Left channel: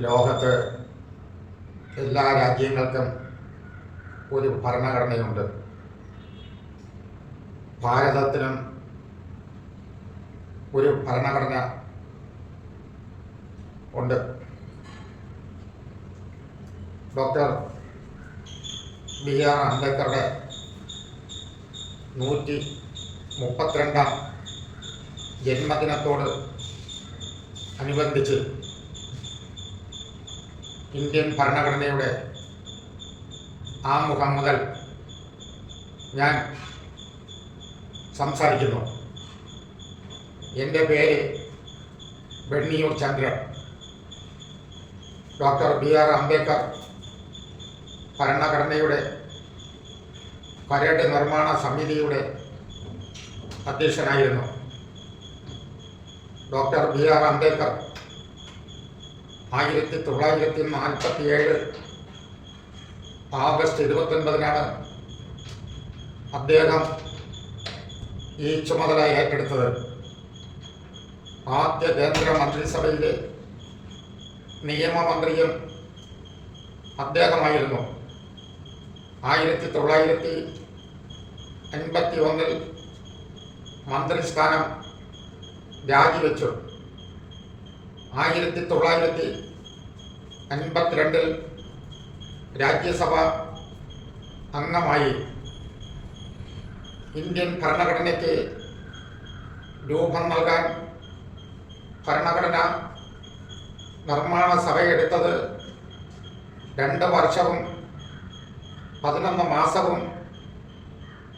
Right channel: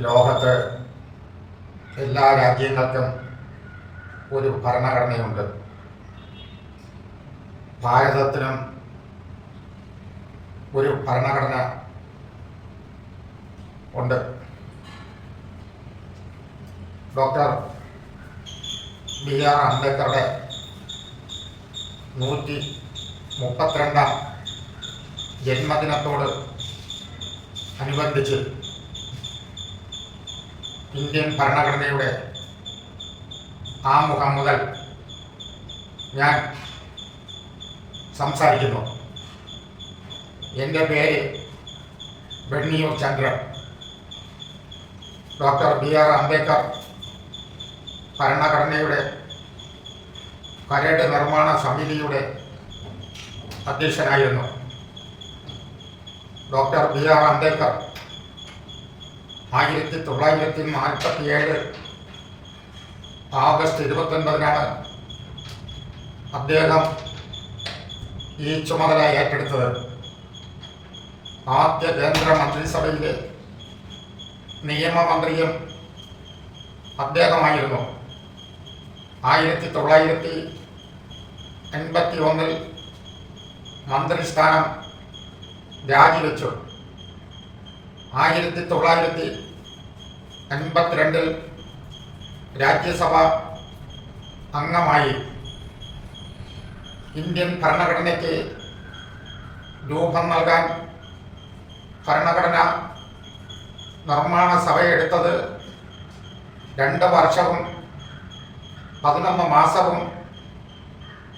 ലോകത്ത് എല്ലാ രാജ്യങ്ങൾക്കും ഒരു ഭരണഘടനയുണ്ട്. ഭാരതത്തിനും ഒരു ഭരണഘടന ഉണ്ട്. Doctor BR. അംബേദ്കറുടെ 132ാം ജന്മദിനത്തോട് അനുബന്ധിച്ച് ഇന്ത്യൻ ഭരണഘടനയുടെ ആമുഖം മുതൽ ഞാൻ സംസാരിക്കുന്നു. എൻ്റെ പേര് ബെണ്ണിയൂർ ചന്ദ്രൻ. Doctor B R. അംബേദ്കർ ഭരണഘടനയുടെ കരട് നിർമ്മാണ സമിതിയുടെ അധ്യക്ഷനായിരുന്നു. Doctor B R. അംബേദ്കർ 1947 ആഗസ്റ്റ് 29-നാണ് അദ്ദേഹം ഈ ചുമതല ഏറ്റെടുത്തത്. ആദ്യ കേന്ദ്ര മന്ത്രിസഭയിലെ നിയമമന്ത്രിയും അദ്ദേഹമായിരുന്നു. 1951 മന്ത്രിസ്ഥാനം രാജിവെച്ചു. 1952 രാജ്യസഭ അംഗമായി. ഇന്ത്യൻ ഭരണഘടനയ്ക്ക് രൂപം നൽകാൻ ഭരണഘടന നിർമ്മാണ സഭയെടുത്തത് 2 വർഷവും 11 മാസവും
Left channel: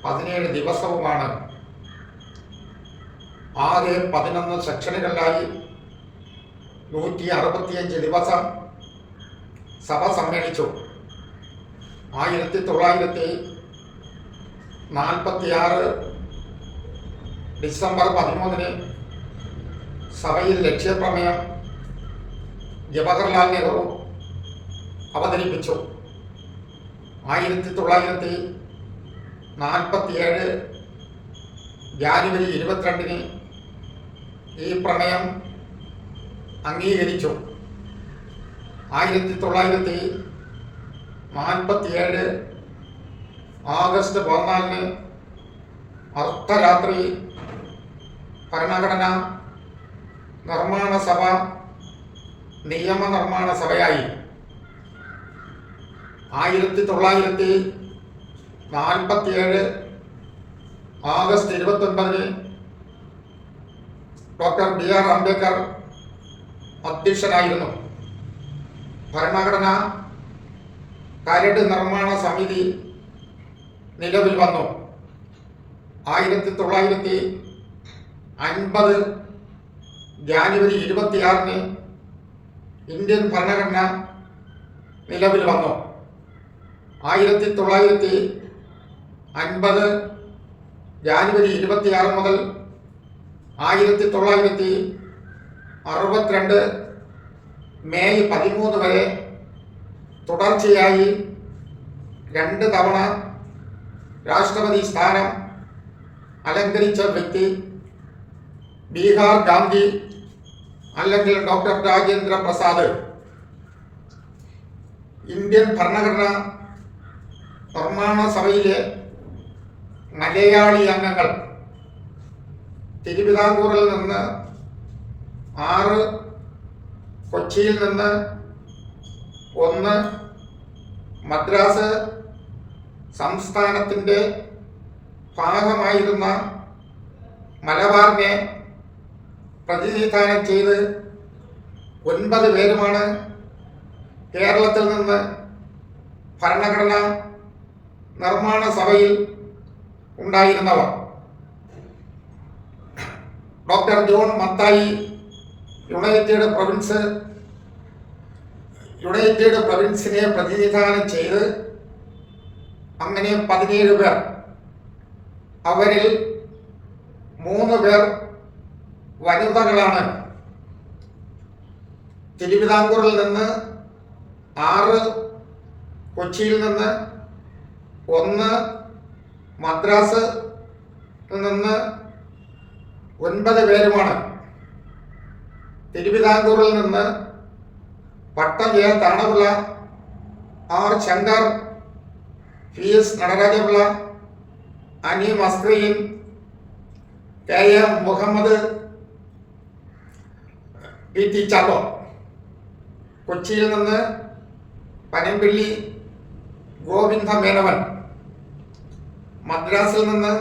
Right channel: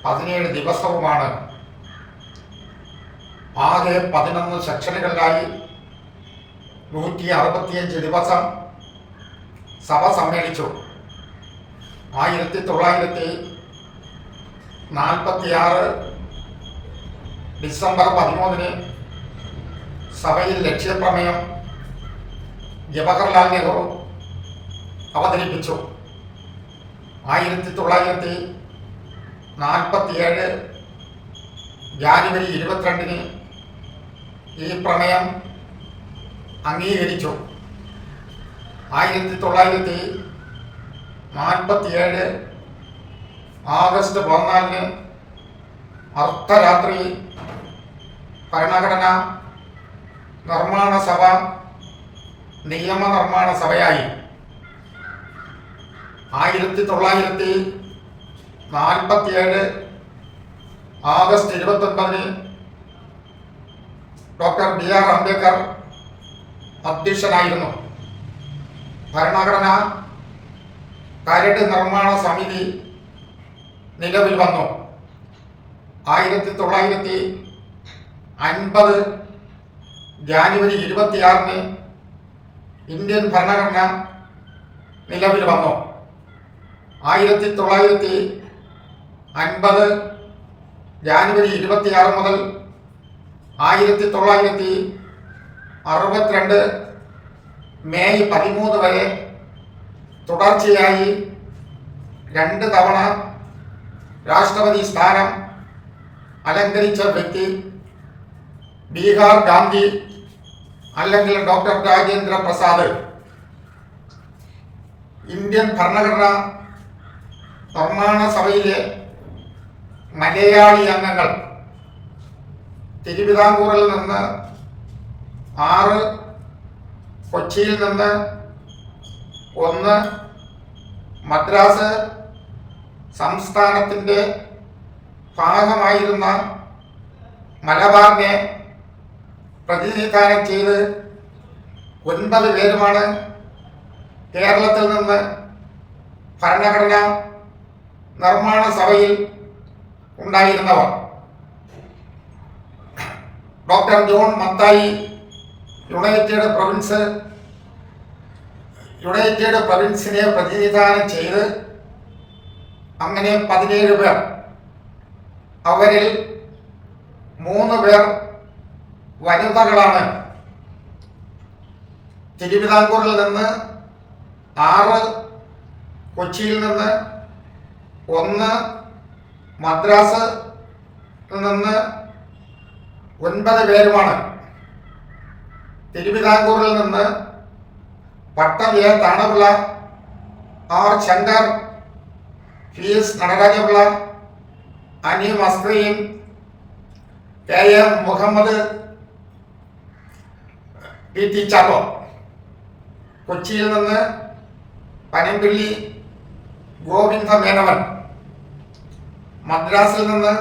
17 ദിവസവുമാണ്. ആകെ 11 സെക്ഷനുകളിലായി 165 ദിവസം സഭ സമ്മേളിച്ചു. 1946 ഡിസംബർ 13-ന് സഭയിൽ ലക്ഷ്യപ്രമേയം ജവഹർലാൽ നെഹ്റു അവതരിപ്പിച്ചു. 1947 ജാനുവരി 22-ന് ഈ പ്രമേയം അംഗീകരിച്ചു. 1947 ആഗസ്റ്റ് 14-ന് അർദ്ധരാത്രി ഭരണഘടന നിർമ്മാണ സഭ നിയമനിർമ്മാണ സഭയായി. 1947 ആഗസ്റ്റ് 29-ന് ഡോക്ടർ ബി.ആർ. അംബേദ്കർ അധ്യക്ഷനായിരുന്നു. ഭരണഘടന കരട് നിർമ്മാണ സമിതി നിലവിൽ വന്നു. 1950 ജാനുവരി 26-ന് ഇന്ത്യൻ ഭരണഘടന നിലവിൽ വന്നു. 1950 ജാനുവരി 26 മുതൽ 1962 മെയ് 13 വരെ തുടർച്ചയായി 2 തവണ രാഷ്ട്രപതി സ്ഥാനം അലങ്കരിച്ച വ്യക്തി ബീഹാർ ഗാന്ധി അല്ലെങ്കിൽ ഡോക്ടർ രാജേന്ദ്ര പ്രസാദ്. ഇന്ത്യൻ ഭരണഘടന നിർമ്മാണ സഭയിലെ മലയാളി അംഗങ്ങൾ തിരുവിതാംകൂറിൽ നിന്ന് 6, കൊച്ചിയിൽ നിന്ന് 1, മദ്രാസ് സംസ്ഥാനത്തിൻ്റെ ഭാഗമായിരുന്ന മലബാറിനെ പ്രതിനിധാനം ചെയ്ത് 9 പേരുമാണ് കേരളത്തിൽ നിന്ന് ഭരണഘടന നിർമ്മാണ സഭയിൽ ഉണ്ടായിരുന്നവർ. ഡോക്ടർ ജോൺ മത്തായി യുണൈറ്റഡ് പ്രൊവിൻസിനെ പ്രതിനിധാനം ചെയ്ത് അങ്ങനെ 17 പേർ. അവരിൽ 3 പേർ വനിതകളാണ്. തിരുവിതാംകൂറിൽ നിന്ന് 6, കൊച്ചിയിൽ നിന്ന് 1, മദ്രാസ് നിന്ന് 9 പേരുമാണ്. തിരുവിതാംകൂറിൽ നിന്ന് Pattom A Thanupillai, R Shankar, P S Natarajapillai, Annie മസ്കറിയും, K M Muhammad, P T Chacko. കൊച്ചിയിൽ നിന്ന് പനമ്പിള്ളി ഗോവിന്ദ മേനവൻ, മദ്രാസിൽ നിന്ന്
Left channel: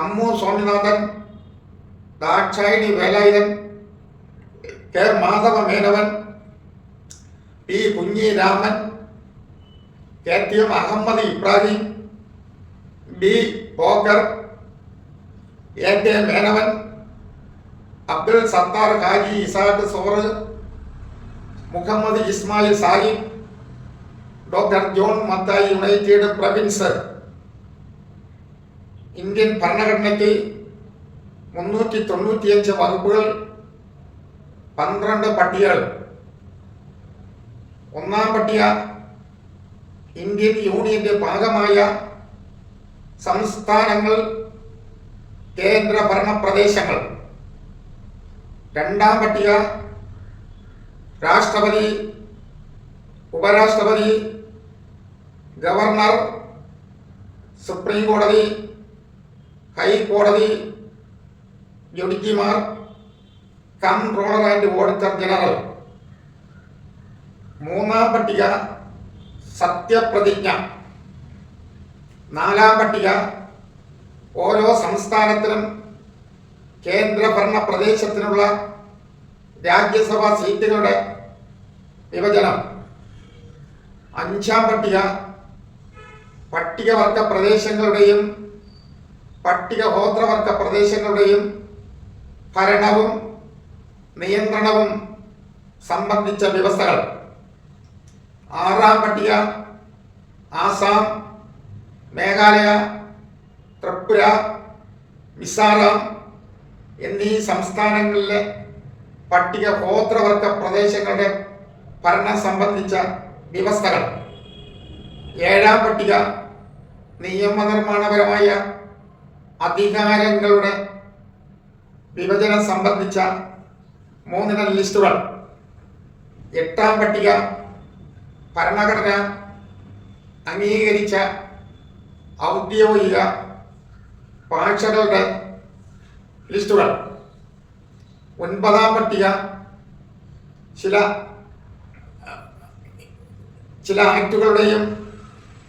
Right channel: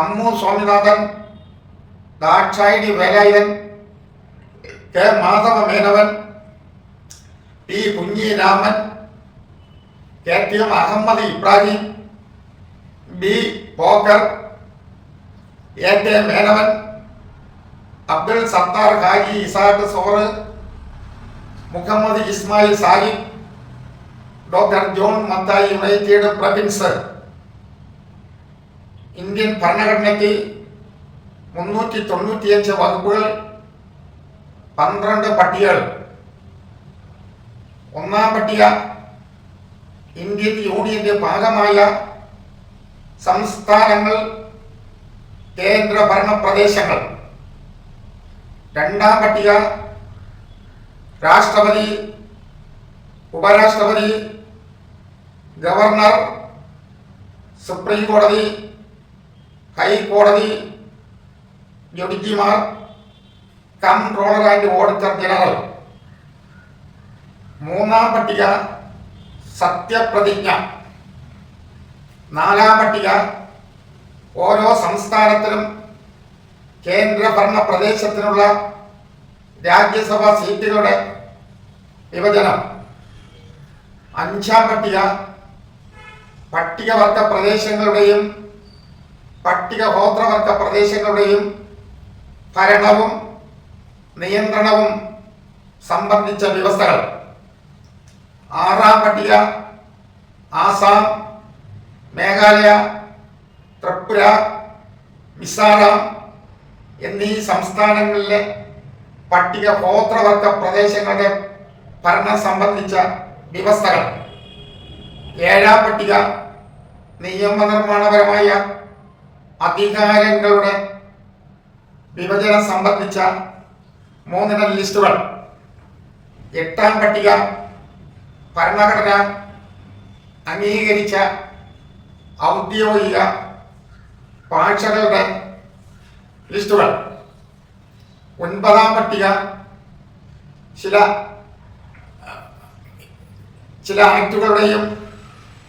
Ammu Swaminathan, Dakshayani Velayudhan, K Madhava Menon, P Kunhiraman, K T M Ahmed Ibrahim, B Pocker, A K Menon, Abdul Sattar Haji Ishaq Sait, Muhammad Ismail Sahib, doctor John Mathai united province. Indian ഭരണഘടനയ്ക്ക് 395 വകുപ്പുകൾ, 12 പട്ടികകൾ. ഒന്നാം പട്ടിക ഇന്ത്യൻ യൂണിയന്റെ ഭാഗമായ സംസ്ഥാനങ്ങൾ, കേന്ദ്രഭരണ പ്രദേശങ്ങൾ. രണ്ടാം പട്ടിക രാഷ്ട്രപതി, ഉപരാഷ്ട്രപതി, ഗവർണർ, സുപ്രീം കോടതി, ഹൈക്കോടതി ജഡ്ജിമാർ, കംട്രോളർ ആൻഡ് ഓഡിറ്റർ ജനറൽ. മൂന്നാം പട്ടിക സത്യപ്രതിജ്ഞ. നാലാം പട്ടിക ഓരോ സംസ്ഥാനത്തിനും കേന്ദ്രഭരണ പ്രദേശത്തിനുള്ള രാജ്യസഭാ സീറ്റുകളുടെ വിഭജനം. അഞ്ചാം പട്ടിക പട്ടികവർഗ പ്രദേശങ്ങളുടെയും പട്ടികഗോത്രവർഗ പ്രദേശങ്ങളുടെയും ഭരണവും നിയന്ത്രണവും സംബന്ധിച്ച വ്യവസ്ഥകൾ. ആറാം പട്ടിക ആസാം, മേഘാലയ, ത്രിപുര, മിസോറാം എന്നീ സംസ്ഥാനങ്ങളിലെ പട്ടികഗോത്രവർഗ പ്രദേശങ്ങളുടെ ഭരണം സംബന്ധിച്ച വ്യവസ്ഥകൾ. ഏഴാം പട്ടിക നിയമനിർമ്മാണപരമായ അധികാരങ്ങളുടെ വിഭജനം സംബന്ധിച്ച 3 ലിസ്റ്റുകൾ. എട്ടാം പട്ടിക ഭരണഘടന അംഗീകരിച്ച ഔദ്യോഗിക ഭാഷകളുടെ ലിസ്റ്റുകൾ. 9-ാം പട്ടിക ചില ആക്ടുകളുടെയും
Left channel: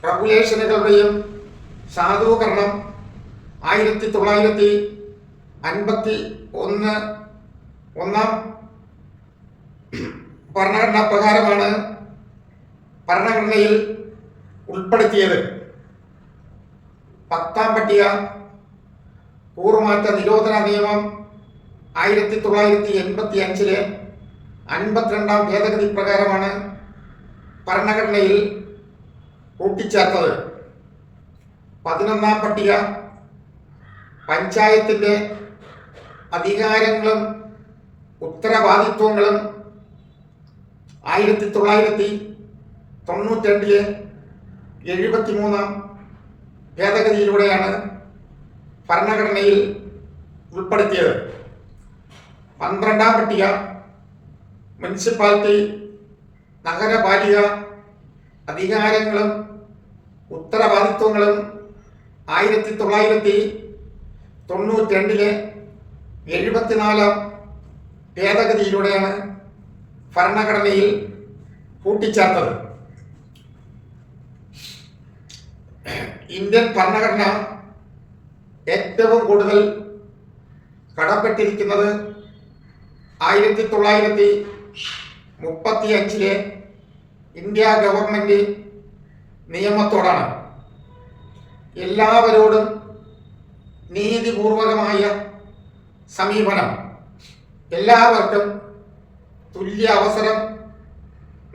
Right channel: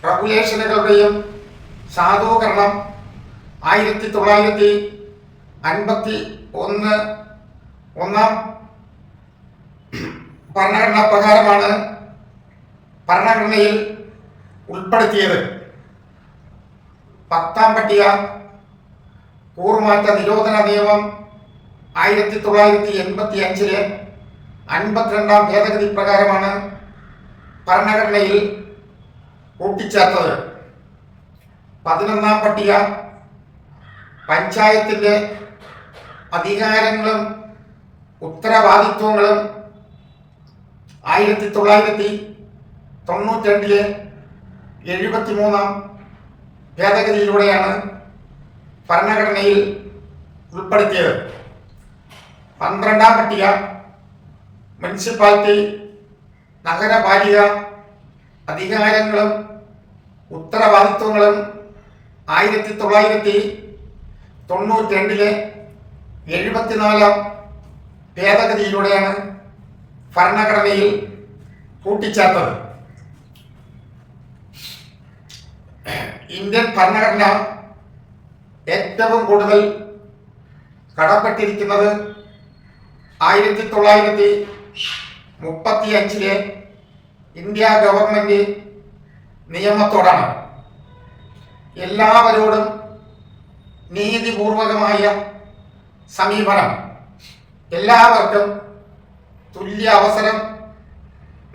റെഗുലേഷനുകളുടെയും സാധൂകരണം 1951 ഒന്നാം ഭരണഘടനാ പ്രകാരമാണ് ഭരണഘടനയിൽ ഉൾപ്പെടുത്തിയത്. 10-ാം പട്ടിക കൂറുമാറ്റ നിരോധന നിയമം 1985 52-ാം ഭേദഗതി പ്രകാരമാണ് ഭരണഘടനയിൽ കൂട്ടിച്ചേർത്തത്. 11-ാം പട്ടിക പഞ്ചായത്തിന്റെ അധികാരങ്ങളും ഉത്തരവാദിത്വങ്ങളും 1992 73-ാം ഭേദഗതിയിലൂടെയാണ് ഭരണഘടനയിൽ ഉൾപ്പെടുത്തിയത്. 12-ാം പട്ടിക മുനിസിപ്പാലിറ്റി നഗരപാലിക അധികാരങ്ങളും ഉത്തരവാദിത്വങ്ങളും 1992 74-ാം ഭേദഗതിയിലൂടെയാണ് ഭരണഘടനയിൽ കൂട്ടിച്ചേർത്തത്. ഇന്ത്യൻ ഭരണഘടന ഏറ്റവും കൂടുതൽ കടപ്പെട്ടിരിക്കുന്നത് 1935 ഇന്ത്യ ഗവൺമെന്റ് നിയമത്തോടാണ്. എല്ലാവരോടും നീതിപൂർവകമായ സമീപനം, എല്ലാവർക്കും തുല്യ അവസരം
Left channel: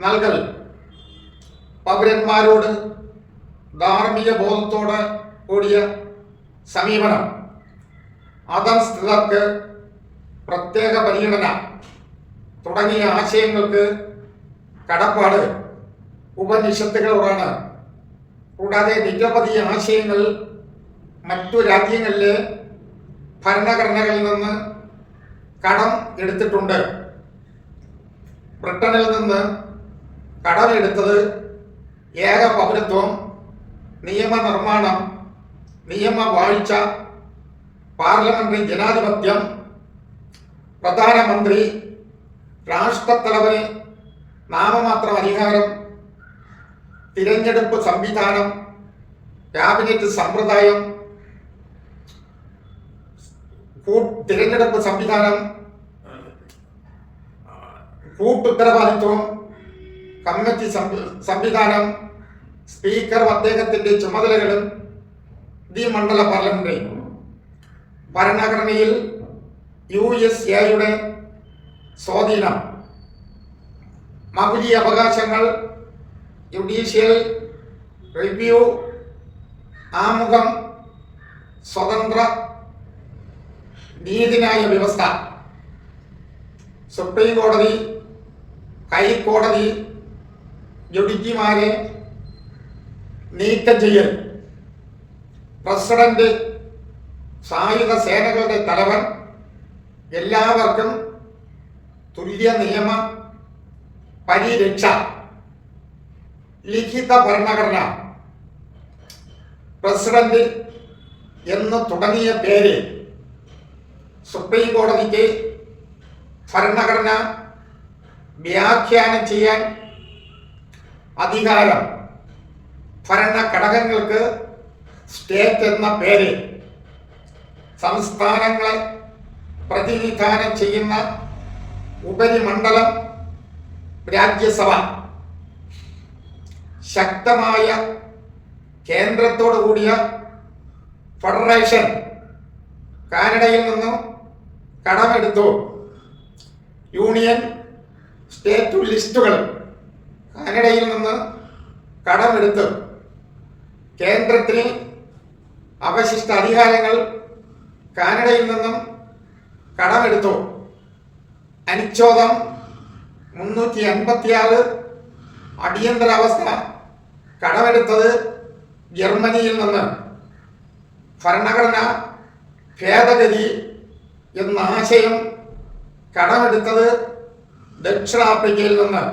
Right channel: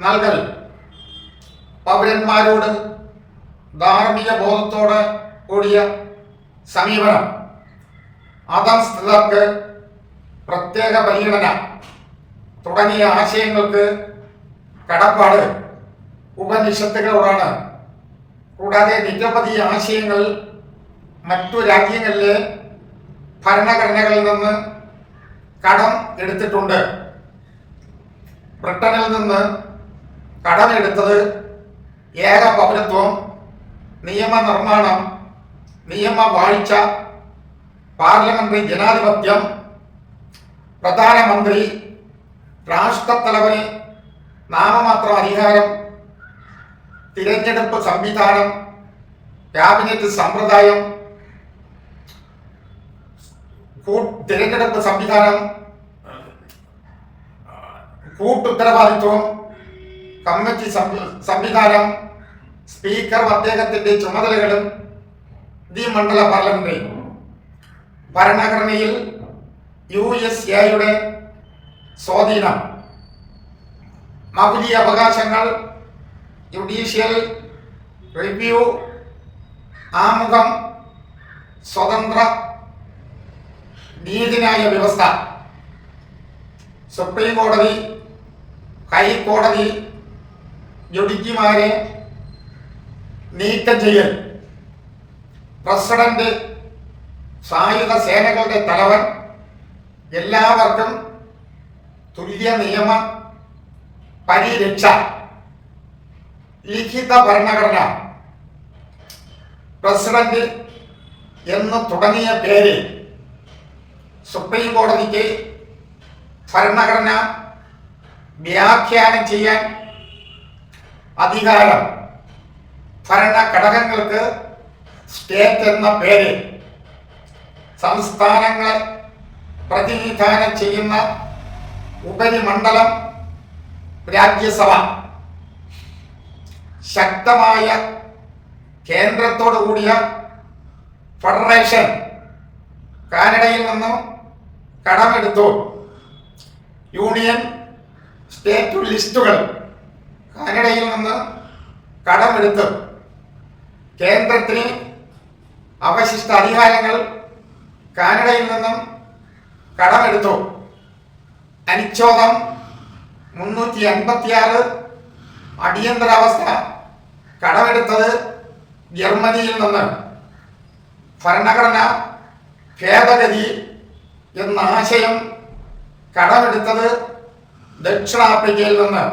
നൽകൽ, പൗരന്മാരോട് ധാർമ്മിക ബോധത്തോട് കൂടിയ സമീപനം, അധസ്ഥിതർക്ക് പ്രത്യേക പരിഗണന തുടങ്ങിയ ആശയങ്ങൾക്ക് കടപ്പാട് ഉപനിഷത്തുകളോടാണ്. കൂടാതെ നിരവധി ആശയങ്ങൾ മറ്റു രാജ്യങ്ങളിലെ ഭരണഘടനകളിൽ നിന്ന് കടം എടുത്തിട്ടുണ്ട്. ബ്രിട്ടനിൽ നിന്ന് കടമെടുത്തത് ഏക പൗരത്വം, നിയമനിർമ്മാണം, നിയമവാഴ്ച, പാർലമെന്ററി ജനാധിപത്യം, പ്രധാനമന്ത്രി, രാഷ്ട്രത്തലവന് നാമമാത്ര അധികാരം, തിരഞ്ഞെടുപ്പ് സംവിധാനം, ക്യാബിനറ്റ് സമ്പ്രദായം, തിരഞ്ഞെടുപ്പ് സംവിധാനം, കൂട്ടുത്തരവാദിത്വം, കമ്മിറ്റി സംവിധാനം, സ്പീക്കർ അദ്ദേഹത്തിന്റെ ചുമതലകളും, ദ്വിമണ്ഡല പാർലമെന്റ്, ഭരണഘടനയിൽ USA സ്വാധീനം, മൗലിക അവകാശങ്ങൾ, ജുഡീഷ്യൽ റിവ്യൂ, ആമുഖം, സ്വതന്ത്ര നീതിന്യായ വ്യവസ്ഥ, സുപ്രീം കോടതി, ഹൈക്കോടതി ജഡ്ജിമാരെ നീക്കം ചെയ്യൽ, പ്രസിഡന്റ്, സായുധ സേനകളുടെ തലവൻ, എല്ലാവർക്കും തുല്യ നിയമ പരിരക്ഷ, ലിഖിത ഭരണഘടന, പ്രസിഡന്റ് എന്ന് തുടങ്ങിയ പേര് സുപ്രീം കോടതിക്ക് ഭരണഘടന വ്യാഖ്യാനം ചെയ്യാൻ അധികാരം, ഭരണഘടകങ്ങൾക്ക് സ്റ്റേറ്റ് എന്ന പേര്, സംസ്ഥാനങ്ങളെ പ്രതിനിധാനം ചെയ്യുന്ന ഉപരിമണ്ഡലം, രാജ്യസഭ, ശക്തമായ കേന്ദ്രത്തോടു കൂടിയ ഫെഡറേഷൻ, കാനഡയിൽ നിന്നും കടമെടുത്തു, യൂണിയൻ സ്റ്റേറ്റ് ലിസ്റ്റുകൾ, കാനഡയിൽ നിന്ന് കടമെടുത്തു, കേന്ദ്രത്തിന് അവശിഷ്ട അധികാരങ്ങൾ, കാനഡയിൽ നിന്നും കടമെടുത്തു, അനുച്ഛേദം 356 അടിയന്തരാവസ്ഥ കടമെടുത്തത് ജർമ്മനിയിൽ നിന്ന്, ഭരണഘടന ഭേദഗതി എന്ന ആശയം കടമെടുത്തത് ദക്ഷിണാഫ്രിക്കയിൽ നിന്ന്,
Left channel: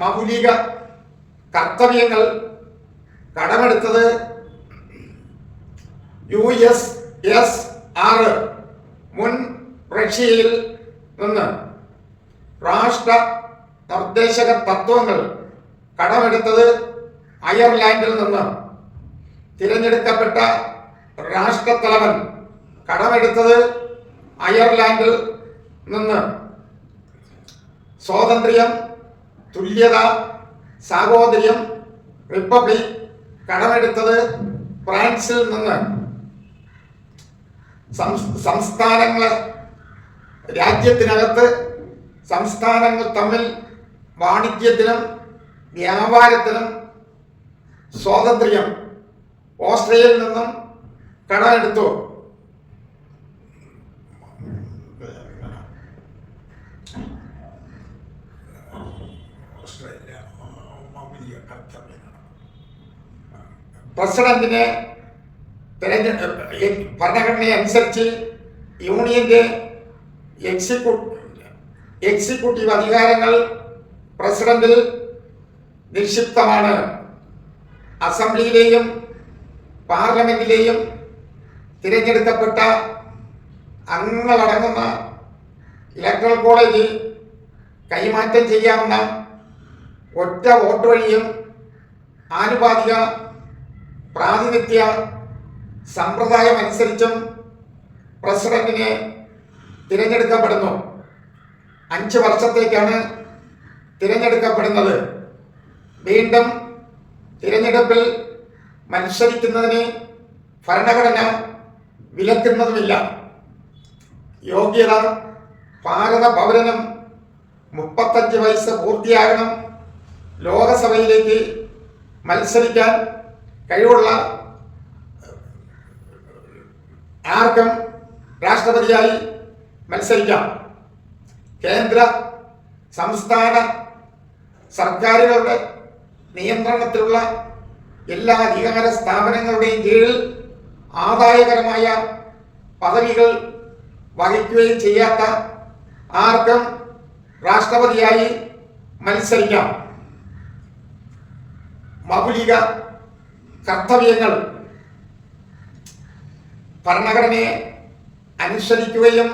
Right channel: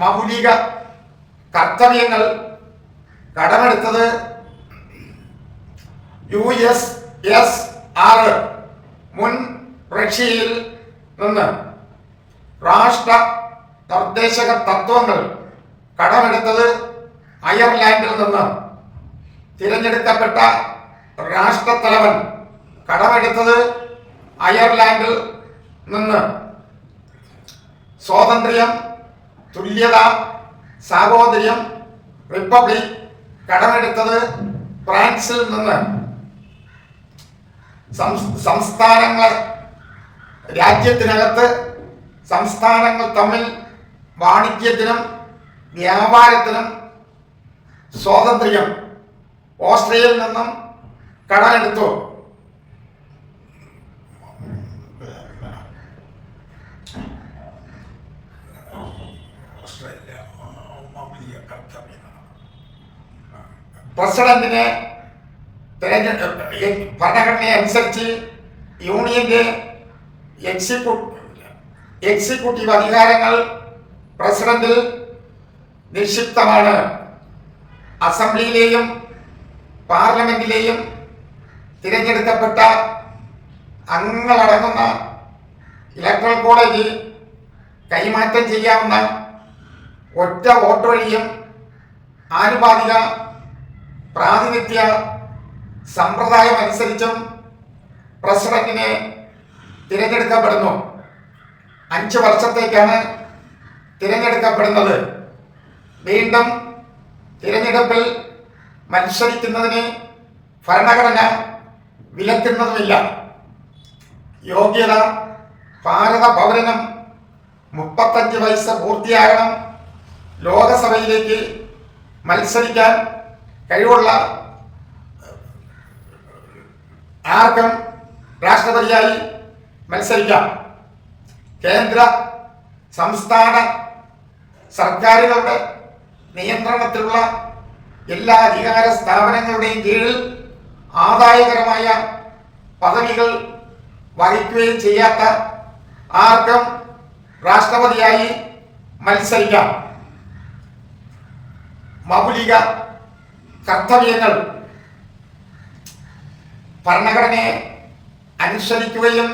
മൗലിക കർത്തവ്യങ്ങൾ കടമെടുത്തത് USSR മുൻ റഷ്യയിൽ നിന്ന്, രാഷ്ട്ര നിർദ്ദേശക തത്വങ്ങൾ കടമെടുത്തത് അയർലാൻഡിൽ നിന്ന്, തിരഞ്ഞെടുക്കപ്പെട്ട രാഷ്ട്രത്തലവൻ കടമെടുത്തത് അയർലാൻഡിൽ നിന്ന്, സ്വാതന്ത്ര്യം, തുല്യത, സാഹോദര്യം, റിപ്പബ്ലിക് കടമെടുത്തത് ഫ്രാൻസിൽ നിന്ന്, സംസ്ഥാനങ്ങൾ, രാജ്യത്തിനകത്ത് സംസ്ഥാനങ്ങൾ തമ്മിൽ വാണിജ്യത്തിനും വ്യാപാരത്തിനും സ്വാതന്ത്ര്യം ഓസ്ട്രേലിയയിൽ നിന്നും കടമെടുത്തു. പ്രസിഡന്റിനെ ഭരണഘടന അനുസരിച്ച് യൂണിയന്റെ എക്സിക്യൂട്ടീവ് അധികാരങ്ങൾ പ്രസിഡന്റിൽ നിക്ഷിപ്തമാണ്. അസംബ്ലിയിലെയും പാർലമെന്റിലെയും തിരഞ്ഞെടുക്കപ്പെട്ട അംഗങ്ങളടങ്ങുന്ന ഇലക്ട്രൽ കോളേജ് കൈമാറ്റം ചെയ്യാവുന്ന ഒറ്റ വോട്ട് വഴിയും ആനുപാതിക പ്രാതിനിധ്യ സമ്പ്രദായം അനുസരിച്ചും പ്രസിഡന്റിനെ തിരഞ്ഞെടുക്കപ്പെടുന്നു. 5 വർഷത്തേക്കാണ് തിരഞ്ഞെടുക്കപ്പെടുന്നത്. വീണ്ടും തിരഞ്ഞെടുപ്പിൽ മത്സരിക്കുന്നതിന് ഭരണഘടന വിലക്കുന്നതുമില്ല. യോഗ്യത: ഭാരത പൗരനും 35 വയസ്സ് പൂർത്തിയാകണം. ലോകസഭയിലേക്ക് മത്സരിക്കാൻ കഴിവുള്ള ആർക്കും രാഷ്ട്രപതിയായി മത്സരിക്കാം. കേന്ദ്ര സംസ്ഥാന സർക്കാരുകളുടെ നിയന്ത്രണത്തിലുള്ള എല്ലാ അധികാര സ്ഥാപനങ്ങളുടെയും കീഴിൽ ആദായകരമായ പദവികൾ വഹിക്കുകയും ചെയ്യാത്ത ആർക്കും രാഷ്ട്രപതിയായി മത്സരിക്കാം. മൗലിക കർത്തവ്യങ്ങൾ ഭരണഘടനയെ അനുസരിക്കുകയും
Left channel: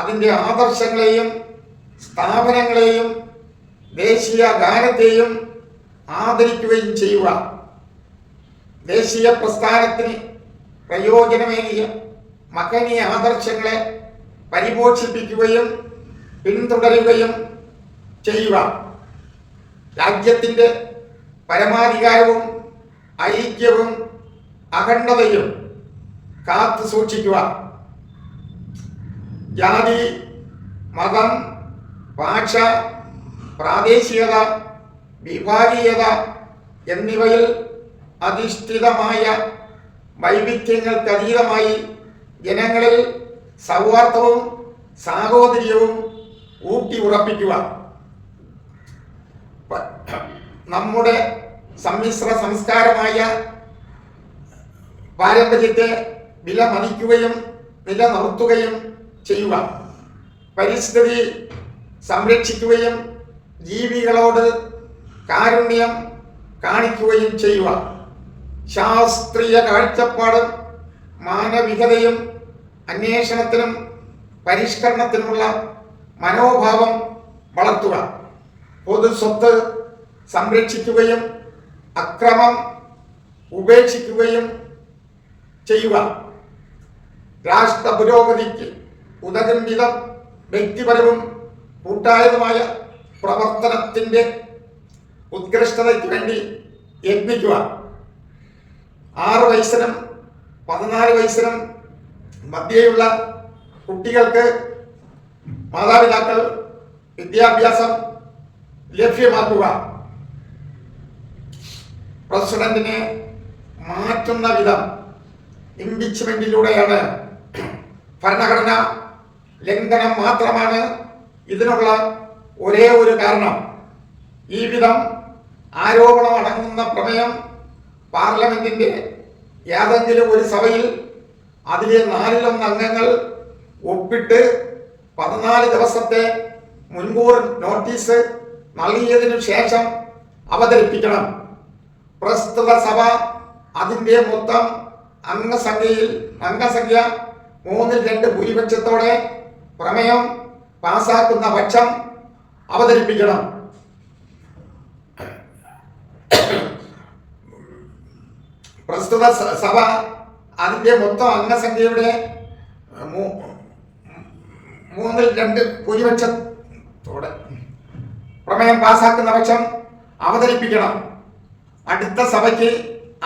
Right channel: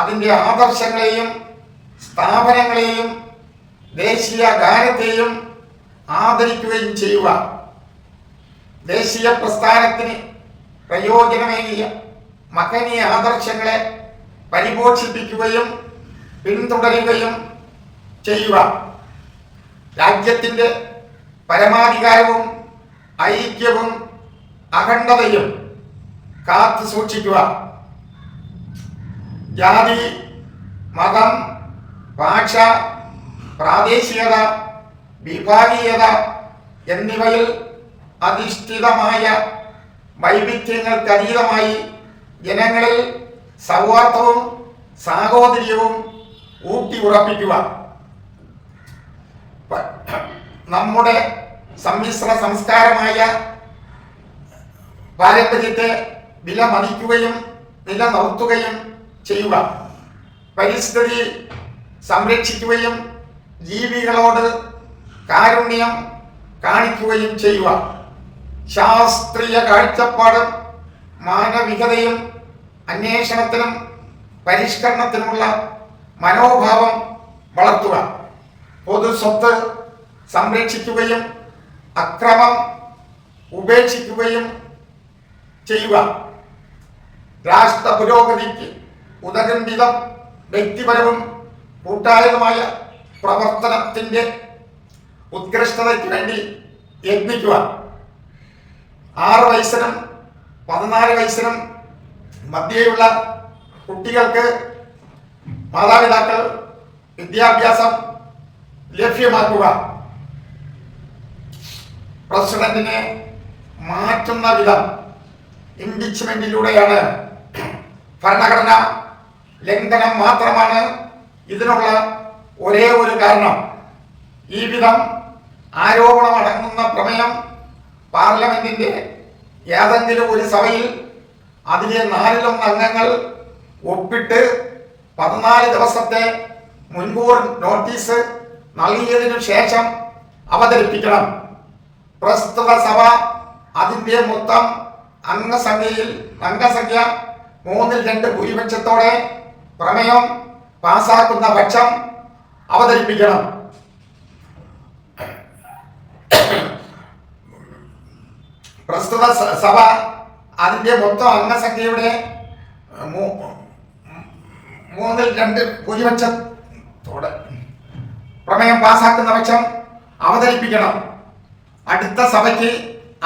അതിൻ്റെ ആദർശങ്ങളെയും സ്ഥാപനങ്ങളെയും ദേശീയ ഗാനത്തെയും ആദരിക്കുകയും ചെയ്യുക. ദേശീയ പ്രസ്ഥാനത്തിന് പ്രയോജനമേകിയ മഹനീയ ആദർശങ്ങളെ പരിപോഷിപ്പിക്കുകയും പിന്തുടരുകയും ചെയ്യുക. രാജ്യത്തിൻ്റെ പരമാധികാരവും ഐക്യവും അഖണ്ഡതയും കാത്തു സൂക്ഷിക്കുക. ജാതി, മതം, ഭാഷ, പ്രാദേശികത, വിഭാഗീയത എന്നിവയിൽ അധിഷ്ഠിതമായ വൈവിധ്യങ്ങൾക്കതീതമായി ജനങ്ങളിൽ സൗഹാർദ്ദവും സാഹോദര്യവും ഊട്ടി ഉറപ്പിക്കുക. നമ്മുടെ സമ്മിശ്ര സംസ്കാരമായ പാരമ്പര്യത്തെ വിലമതിക്കുകയും നിലനിർത്തുകയും ചെയ്യുക. പരിസ്ഥിതി സംരക്ഷിക്കുകയും ജീവികളോട് കാരുണ്യം കാണിക്കുകയും ചെയ്യുക. ശാസ്ത്രീയ കാഴ്ചപ്പാടും മാനവികതയും അന്വേഷണത്തിനും പരിഷ്കരണത്തിനുമുള്ള മനോഭാവം വളർത്തുക. പൊതു സ്വത്ത് സംരക്ഷിക്കുകയും അക്രമം ഉപേക്ഷിക്കുകയും ചെയ്യുക. രാഷ്ട്ര പുരോഗതിക്ക് ഉതകും വിധം വ്യക്തിപരവും കൂട്ടായതുമായ പ്രവർത്തനത്തിൻ്റെ ഉത്കൃഷ്ടതയ്ക്ക് വേണ്ടി യത്നിക്കുക. 6 വയസ്സിനും 14 വയസ്സിനും മധ്യേയുള്ള കുട്ടികൾക്ക് മാതാപിതാക്കൾ വിദ്യാഭ്യാസം ലഭ്യമാക്കുക. പ്രസിഡന്റിനെ മാറ്റുന്ന വിധം ഇംപീച്ച്മെന്റിലൂടെയാണ്. ഭരണഘടന ലംഘനം മാത്രമാണ് ഇതിനുള്ള ഒരേ ഒരു കാരണം. ഈ വിധം ആരോപണം അടങ്ങുന്ന പ്രമേയം പാർലമെന്റിന്റെ ഏതെങ്കിലും ഒരു സഭയിൽ അതിലെ 4 അംഗങ്ങൾ ഒപ്പിട്ട് 14 ദിവസത്തെ മുൻകൂർ നോട്ടീസ് നൽകിയതിനു ശേഷം അവതരിപ്പിക്കണം. പ്രസ്തുത സഭ അതിൻ്റെ മൊത്തം അംഗസംഖ്യ 3/2 ഭൂരിപക്ഷത്തോടെ പ്രമേയം പാസാക്കുന്ന പക്ഷം അവതരിപ്പിക്കണം. പ്രസ്തുത സഭ അതിൻ്റെ മൊത്തം അംഗസംഖ്യയുടെ 3/2 ഭൂരിപക്ഷത്തോടെ പ്രമേയം പാസാക്കുന്ന പക്ഷം അവതരിപ്പിക്കണം. അടുത്ത സഭയ്ക്ക്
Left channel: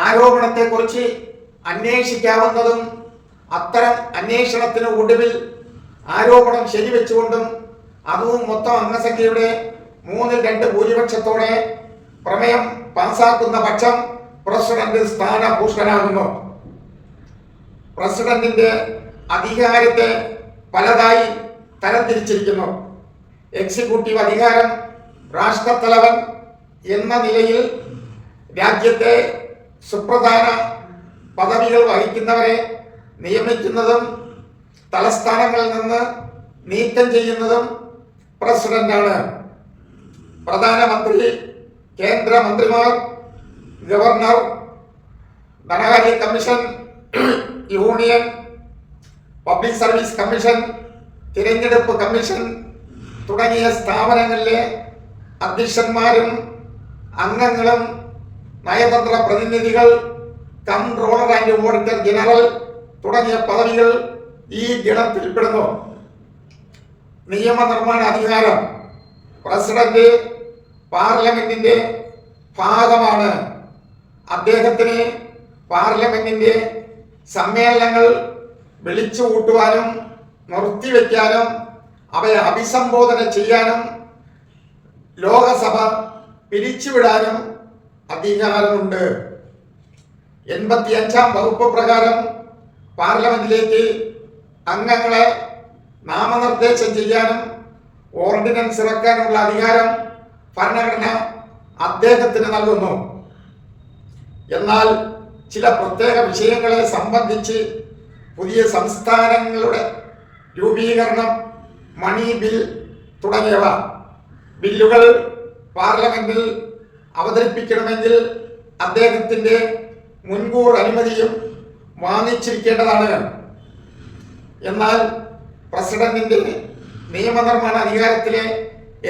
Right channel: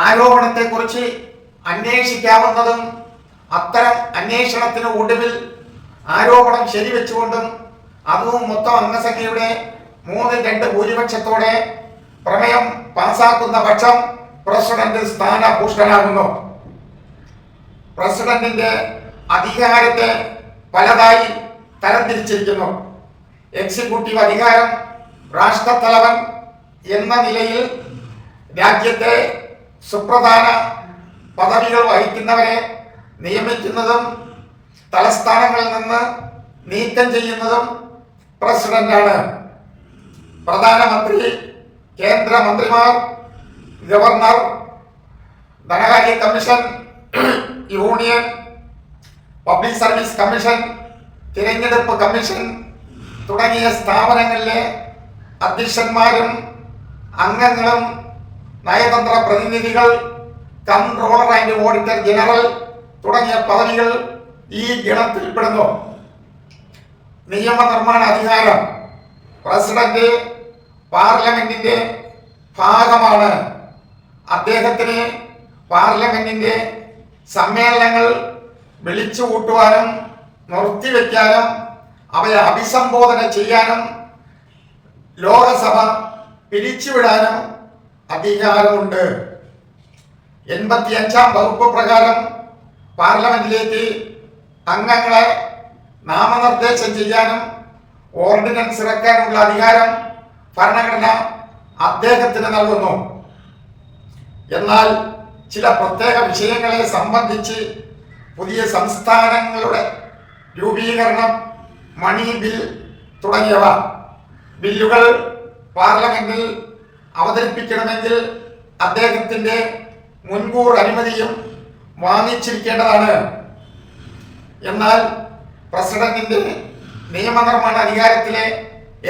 ആരോപണത്തെക്കുറിച്ച് അന്വേഷിക്കാവുന്നതും അത്തരം അന്വേഷണത്തിന് ഒടുവിൽ ആരോപണം ശരിവെച്ചുകൊണ്ടും അതും മൊത്തം അംഗസംഖ്യയുടെ 3/2 ഭൂരിപക്ഷത്തോടെ പ്രമേയം പാസാക്കുന്ന പക്ഷം പ്രസിഡന്റ് സ്ഥാനഭൂഷ്ടനാകുന്നു. പ്രസിഡന്റിന്റെ അധികാരത്തെ പലതായി തരംതിരിച്ചിരിക്കുന്നു. എക്സിക്യൂട്ടീവ് അധികാരം രാഷ്ട്രത്തലവൻ എന്ന നിലയിൽ രാജ്യത്തെ സുപ്രധാന പദവികൾ വഹിക്കുന്നവരെ നിയമിക്കുന്നതും തലസ്ഥാനങ്ങളിൽ നിന്ന് നീക്കം ചെയ്യുന്നതും പ്രസിഡന്റാണ്. പ്രധാനമന്ത്രി, കേന്ദ്രമന്ത്രിമാർ, ഗവർണർ, ധനകാര്യ commission, union public service commission, തിരഞ്ഞെടുപ്പ് കമ്മീഷൻ തുടങ്ങിയ സ്ഥാപനങ്ങളിലെ അധ്യക്ഷന്മാരും അംഗങ്ങളും നയതന്ത്ര പ്രതിനിധികൾ, കൺട്രോളർ ആൻഡ് ഓഡിറ്റർ ജനറൽ തുടങ്ങിയ പദവികൾ ഈ ഗണത്തിൽപ്പെടുന്നു. നിയമനിർമ്മാണ അധികാരം പ്രസിഡന്റ് പാർലമെന്റിന്റെ ഭാഗമാണ്. അദ്ദേഹത്തിന് പാർലമെന്റിന്റെ സമ്മേളനങ്ങൾ വിളിച്ചു കൂട്ടുവാനും നിർത്തിവെക്കാനും അവയെ അഭിസംബോധന ചെയ്യാനും ലോകസഭ പിരിച്ചുവിടാനും അധികാരമുണ്ട്. 85-ാം വകുപ്പ് പ്രകാരം പാർലമെന്റിലേക്ക് അംഗങ്ങളെ നാമനിർദ്ദേശം ചെയ്യാനും ഓർഡിനൻസ് ഇറക്കാനുള്ള അധികാരം ഭരണഘടന അദ്ദേഹത്തിന് നൽകുന്നു. എന്നാൽ ചില പ്രത്യേക വിഷയങ്ങളെ സംബന്ധിച്ച് പുതിയ സംസ്ഥാനങ്ങളുടെ രൂപീകരണം, മണി ബിൽ തുടങ്ങിയവ. ബില്ലുകൾ പാർലമെന്റിൽ അവതരിപ്പിക്കണമെങ്കിൽ അദ്ദേഹത്തിന്റെ മുൻകൂർ അനുമതിയും വാങ്ങിച്ചിരിക്കേണ്ടതാണ്. എന്നാൽ പ്രസിഡന്റിന്റെ നിയമനിർമ്മാണ അധികാരത്തിലെ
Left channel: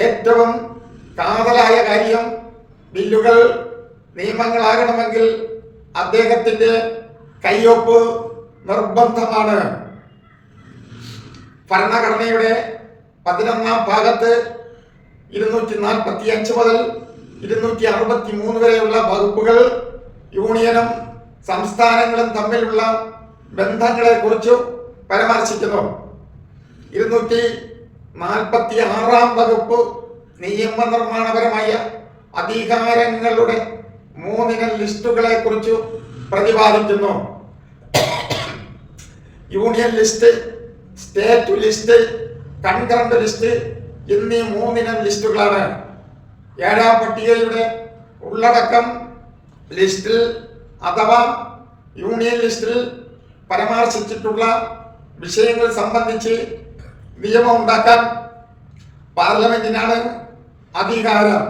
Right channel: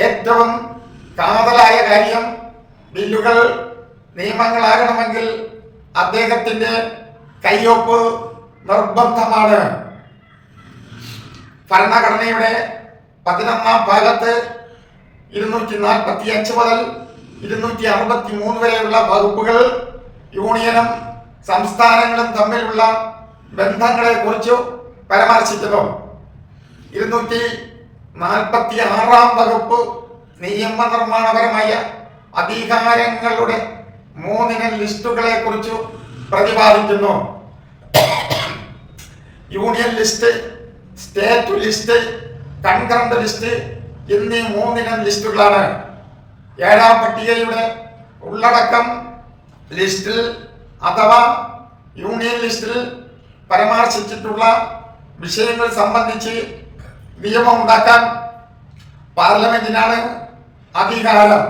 ഏറ്റവും കാതലായ കാര്യം ബില്ലുകൾ നിയമങ്ങളാകണമെങ്കിൽ അദ്ദേഹത്തിന്റെ കയ്യൊപ്പ് നിർബന്ധമാണ്. ഭരണഘടനയുടെ 11-ാം ഭാഗത്ത് 245 മുതൽ 263 വരെയുള്ള വകുപ്പുകൾ യൂണിയനും സംസ്ഥാനങ്ങളും തമ്മിലുള്ള ബന്ധങ്ങളെ കുറിച്ച് പരാമർശിക്കുന്നു. 246-ാം വകുപ്പ് നിയമനിർമ്മാണപരമായ അധികാരങ്ങളുടെ 3 ലിസ്റ്റുകളെ കുറിച്ച് പ്രതിപാദിക്കുന്നു. Union list, state list, concurrent list എന്നീ 3 ലിസ്റ്റുകളാണ്. 7-ാം പട്ടികയുടെ ഉള്ളടക്കം ലിസ്റ്റിൽ അഥവാ യൂണിയൻ ലിസ്റ്റിൽ പരാമർശിച്ചിട്ടുള്ള വിഷയങ്ങൾ സംബന്ധിച്ച് നിയമം ഉണ്ടാക്കാൻ പാർലമെന്റിനാണ് അധികാരം.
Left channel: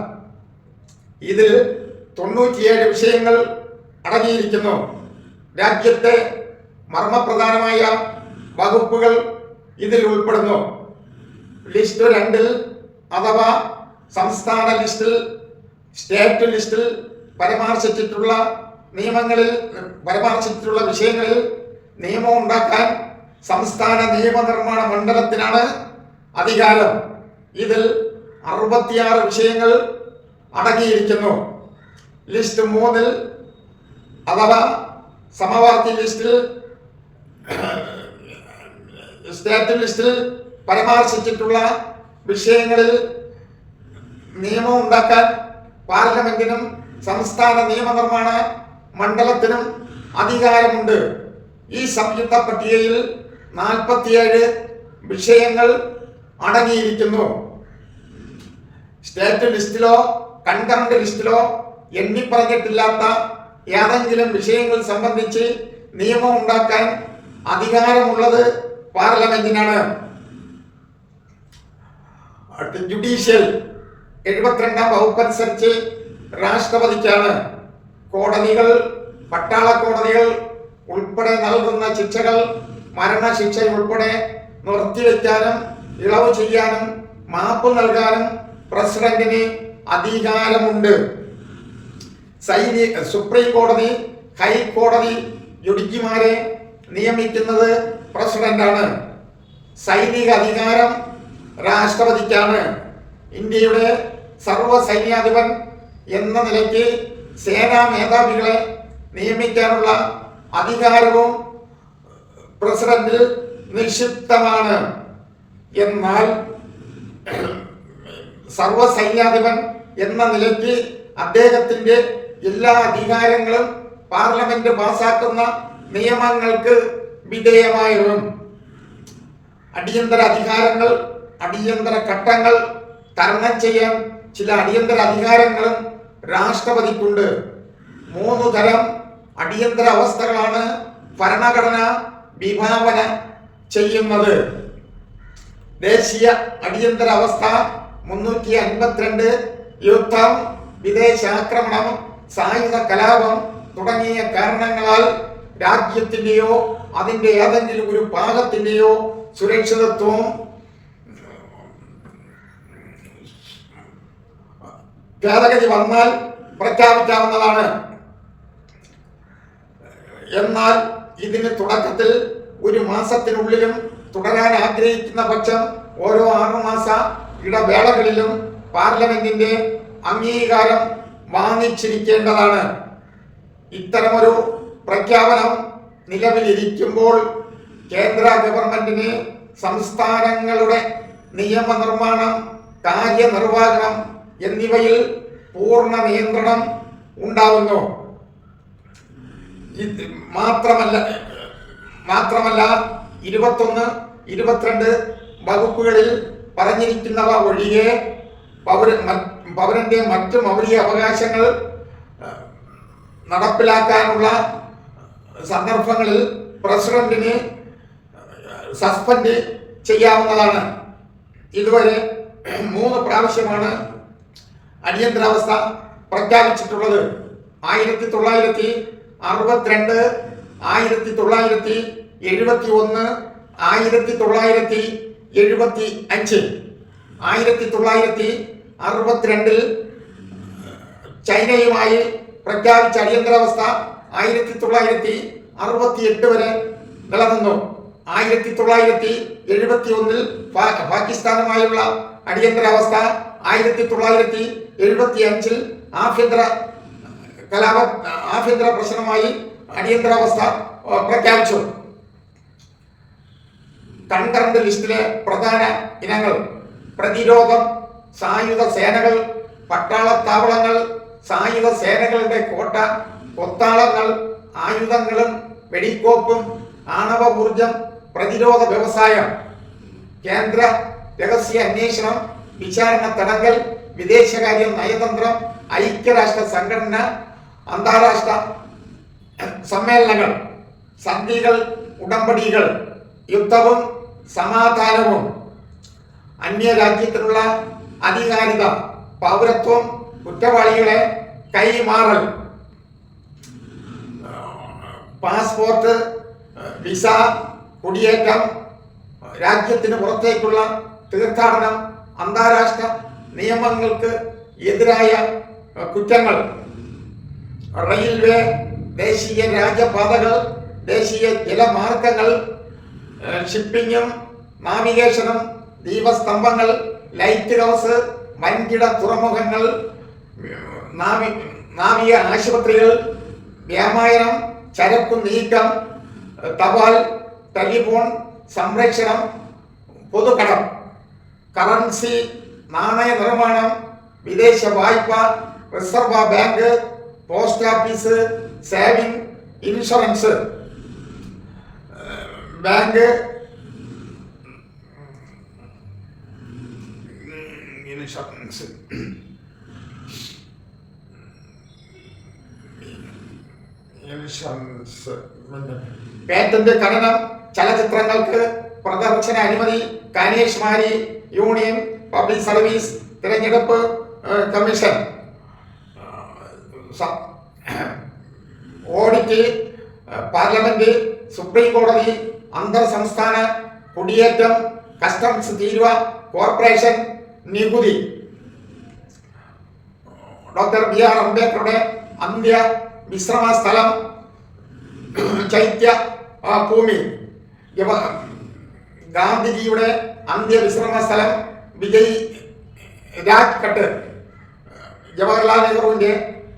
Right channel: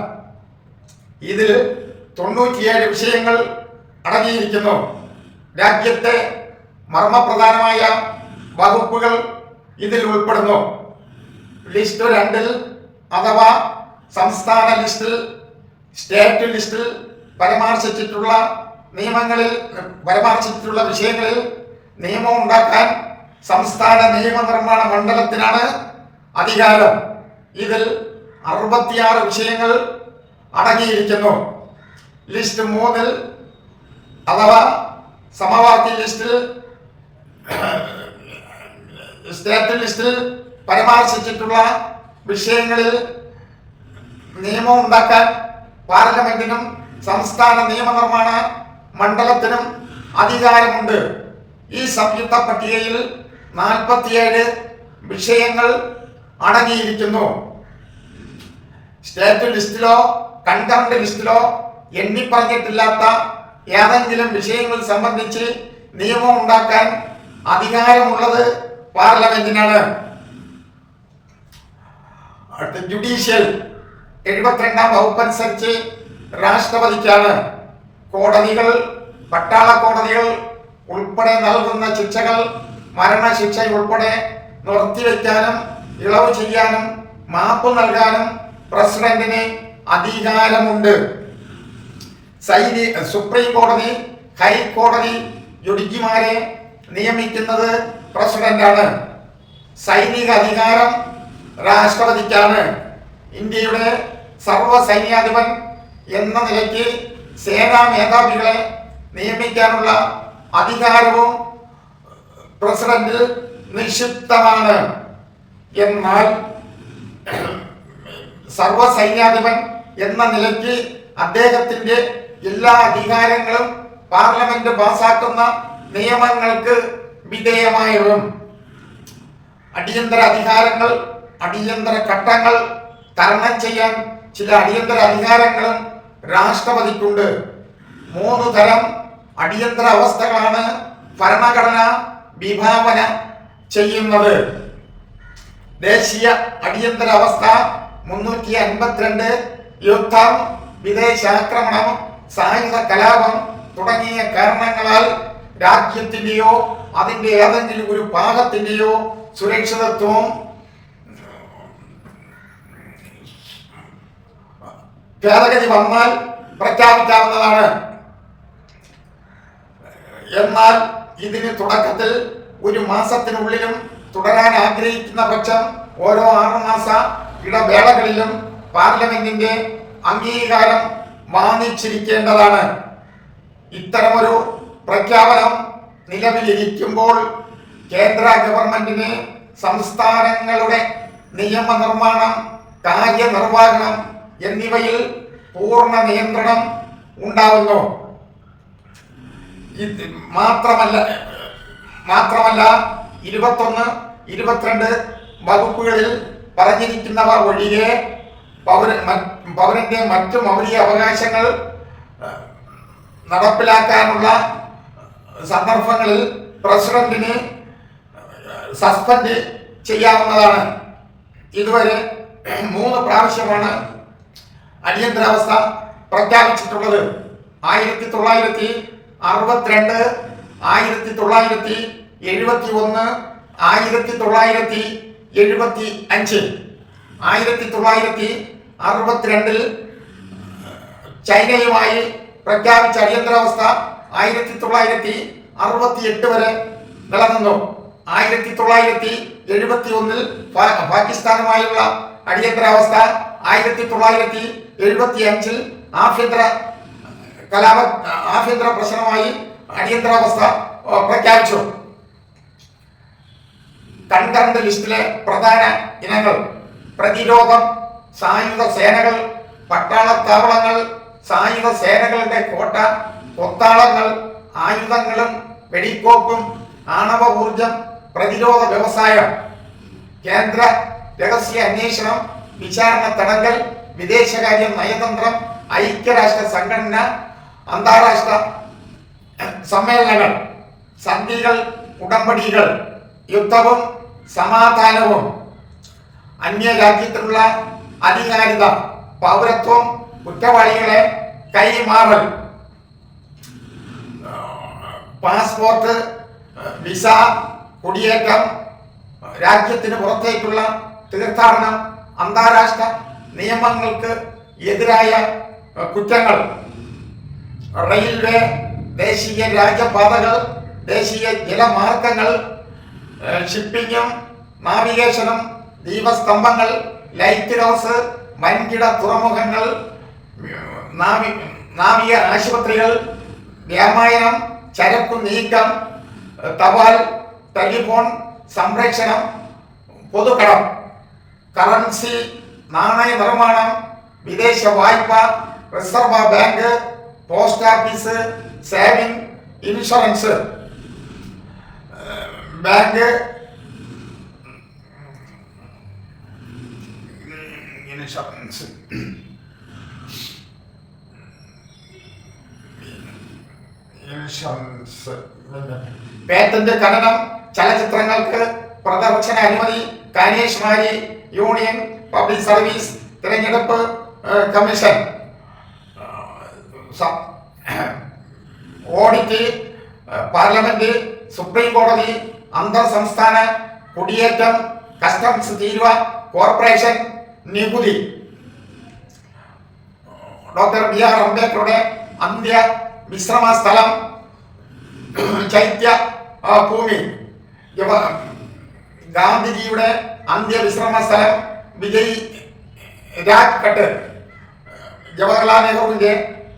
ഇതിൽ 97 വിഷയങ്ങൾ അടങ്ങിയിരിക്കുന്നു. രാജ്യത്തെ മർമ്മപ്രധാനമായ വകുപ്പുകൾ ഇതിൽ ഉൾപ്പെടുന്നു. ലിസ്റ്റ് 2-ൽ അഥവാ സംസ്ഥാന ലിസ്റ്റിൽ, സ്റ്റേറ്റ് ലിസ്റ്റിൽ പരാമർശിച്ചിട്ടുള്ള വിഷയങ്ങളിൽ നിയമം ഉണ്ടാക്കാൻ സംസ്ഥാന നിയമനിർമ്മാണ മണ്ഡലത്തിനാണ് അധികാരം. ഇതിൽ 66 വിഷയങ്ങൾ അടങ്ങിയിരിക്കുന്നു. ലിസ്റ്റ് 3-ൽ അഥവാ സമവാക്യ ലിസ്റ്റിൽ, സ്റ്റേറ്റ് ലിസ്റ്റിൽ പരാമർശിച്ചിട്ടുള്ള വിഷയങ്ങളിൽ നിയമം ഉണ്ടാക്കാൻ പാർലമെന്റിനും സംസ്ഥാന നിയമനിർമ്മാണ മണ്ഡലത്തിനും അധികാരമുണ്ട്. ഈ സംയുക്ത പട്ടികയിൽ 47 വിഷയങ്ങൾ അടങ്ങിയിരിക്കുന്നു. സ്റ്റേറ്റ് ലിസ്റ്റിലോ കൺകറന്റ് ലിസ്റ്റിലോ എണ്ണിപ്പറഞ്ഞിട്ടില്ലാത്ത ഏതെങ്കിലും വിഷയങ്ങൾ സംബന്ധിച്ച് നിയമം ഉണ്ടാക്കാൻ അധികാരമുള്ളത് പാർലമെന്റിനാണ്. ജുഡീഷ്യൽ 72-ാം വകുപ്പനുസരിച്ച് രാഷ്ട്രപതിക്കാണ്. കോടതികൾ, പട്ടാള കോടതികൾ ഉൾപ്പെടെ നൽകുന്ന ശിക്ഷകൾ, മരണശിക്ഷ ഉൾപ്പെടെ നിർത്തിവെക്കാനും ഇളവ് ചെയ്യാനും മാപ്പ് നൽകാനും പ്രസിഡന്റിന് അധികാരമുണ്ട്. സുപ്രീം കോടതി, ഹൈക്കോടതി ജഡ്ജിമാരെ നിയമിക്കുന്നത് പ്രസിഡന്റാണ്. സൈനിക അധികാരം രാഷ്ട്രപതിക്കാണ്. ഇന്ത്യയുടെ സർവ്വസൈന്യാധിപൻ എന്ന നിലയ്ക്ക് സേനാ മേധാവികളെ നിയമിക്കാനുള്ള അധികാരവും പ്രസിഡന്റിൽ നിക്ഷിപ്തമാണ്. എന്നാൽ സർവ്വസൈന്യാധിപൻ എന്ന നിലയ്ക്ക് അദ്ദേഹത്തിന്റെ എല്ലാ അധികാരങ്ങളും പാർലമെന്റ് പാസാക്കുന്ന നിയമങ്ങൾക്ക് വിധേയമായതും. അടിയന്തര അധികാരങ്ങൾ, അടിയന്തര ഘട്ടങ്ങൾ തരണം ചെയ്യാൻ ചില അടിയന്തര അധികാരങ്ങളും രാഷ്ട്രപതിക്കുണ്ട്. 3 തരം അടിയന്തര അവസ്ഥകളാണ് ഭരണഘടന വിഭാവന ചെയ്യുന്നത്. ദേശീയ അടിയന്തര അവസ്ഥ 352 യുദ്ധം, വിദേശാക്രമണം, സായുധ കലാപം തുടങ്ങിയ കാരണങ്ങളാൽ രാജ്യത്തിന്റെയോ അതിന്റെ ഏതെങ്കിലും ഒരു ഭാഗത്തിന്റെയോ സുരക്ഷിതത്വം ഭേദഗതി വന്നാൽ പ്രഖ്യാപിക്കാവുന്നതാണ്. എന്നാൽ ഇതിന് തുടക്കത്തിൽ 1 മാസത്തിനുള്ളിലും തുടരാൻ ആഗ്രഹിക്കുന്ന പക്ഷം ഓരോ 6 മാസ ഇടവേളകളിലും പാർലമെന്റിന്റെ അംഗീകാരം വാങ്ങിച്ചിരിക്കേണ്ടതാണ്. ഇത്തരമൊരു പ്രഖ്യാപനം നിലവിലിരിക്കുമ്പോൾ കേന്ദ്ര ഗവൺമെന്റിന് സംസ്ഥാനങ്ങളുടെ നിയമനിർമ്മാണം, കാര്യനിർവഹണം എന്നിവയിൽ പൂർണ്ണ നിയന്ത്രണം ഉണ്ടാവുന്നു. മാത്രമല്ല 21, 22 വകുപ്പുകളിൽ പറഞ്ഞിരിക്കുന്നവ ഒഴികെ പൗരന്റെ മറ്റു മൗലിക അവകാശങ്ങൾ നടപ്പിലാക്കാനുള്ള സന്ദർഭങ്ങളിൽ പ്രസിഡന്റിന് സസ്പെൻഡ് ചെയ്യാവുന്നതാണ്. ഇതുവരെ 3 പ്രാവശ്യമാണ് അടിയന്തരാവസ്ഥ പ്രഖ്യാപിച്ചിട്ടുള്ളത്. 1962, 1971, 1975. 1962 ചൈനയുമായി പ്രഖ്യാപിച്ച അടിയന്തരാവസ്ഥ 1968 വരെ നിലനിന്നു. 1971 പാകിസ്ഥാനുമായുള്ള അടിയന്തരാവസ്ഥ, 1975 ആഭ്യന്തര പ്രശ്നമായി അടിയന്തരാവസ്ഥ പ്രഖ്യാപിച്ചു. കൺകറന്റ് ലിസ്റ്റിലെ പ്രധാന ഇനങ്ങൾ: പ്രതിരോധം, സായുധ സേനകൾ, പട്ടാളത്താവളങ്ങൾ, സായുധ സേനകളുടെ കോട്ട, കൊത്താളങ്ങൾ, ആയുധങ്ങളും വെടിക്കോപ്പും, ആണവ ഊർജം, പ്രതിരോധ വ്യവസായം, കേന്ദ്ര രഹസ്യ അന്വേഷണം, വിചാരണ തടങ്കൽ, വിദേശകാര്യം, നയതന്ത്രം, ഐക്യരാഷ്ട്ര സംഘടന, അന്താരാഷ്ട്ര സമ്മേളനങ്ങൾ, സന്ധികൾ, ഉടമ്പടികൾ, യുദ്ധവും സമാധാനവും, അന്യരാജ്യത്തിനുള്ള അധികാരിത, പൗരത്വം, കുറ്റവാളികളെ കൈമാറൽ, പാസ്പോർട്ട്, വിസ, കുടിയേറ്റം, രാജ്യത്തിന് പുറത്തേക്കുള്ള തീർത്ഥാടനം, അന്താരാഷ്ട്ര നിയമങ്ങൾക്ക് എതിരായ കുറ്റങ്ങൾ, റെയിൽവേ, ദേശീയ രാജപാതകൾ, ദേശീയ ജലമാർഗങ്ങൾ, ഷിപ്പിങ്ങും നാവിഗേഷനും, ദീപസ്തംഭങ്ങൾ, ലൈറ്റ് ഹൗസ്, വൻകിട തുറമുഖങ്ങൾ, നാവിക ആശുപത്രികൾ, വ്യാപാരം, ചരക്കു നീക്കം, തപാൽ, ടെലിഫോൺ സംപ്രേഷണം, പൊതുകടം, കറൻസി, നാണയ നിർമ്മാണം, വിദേശ വായ്പ, reserve bank, post office, saving, insurance, bank, insurance, patent, ഖനനം, ചലച്ചിത്രങ്ങൾക്ക് പ്രദർശന അനുമതി, കന്യാകുമാരി യൂണിയൻ പബ്ലിക് സർവീസ് തിരഞ്ഞെടുപ്പ് കമ്മീഷൻ, ഓഡിറ്റ്, പാർലമെന്റ്, സുപ്രീം കോടതി, അന്തർ സംസ്ഥാന കുടിയേറ്റം, കസ്റ്റംസ് തീരുവ, കോർപ്പറേഷൻ നികുതി, ഡോക്ടർ ബി.ആർ. അംബേദ്കറുടെ അന്ത്യ വിശ്രമ സ്ഥലം, ചൈത്യ ഭൂമി, ഗാന്ധിജിയുടെ അന്ത്യവിശ്രമ സ്ഥലം, വിജയ് രാജ്ഘട്ട്, ജവഹർലാൽ നെഹ്റുവിന്റെ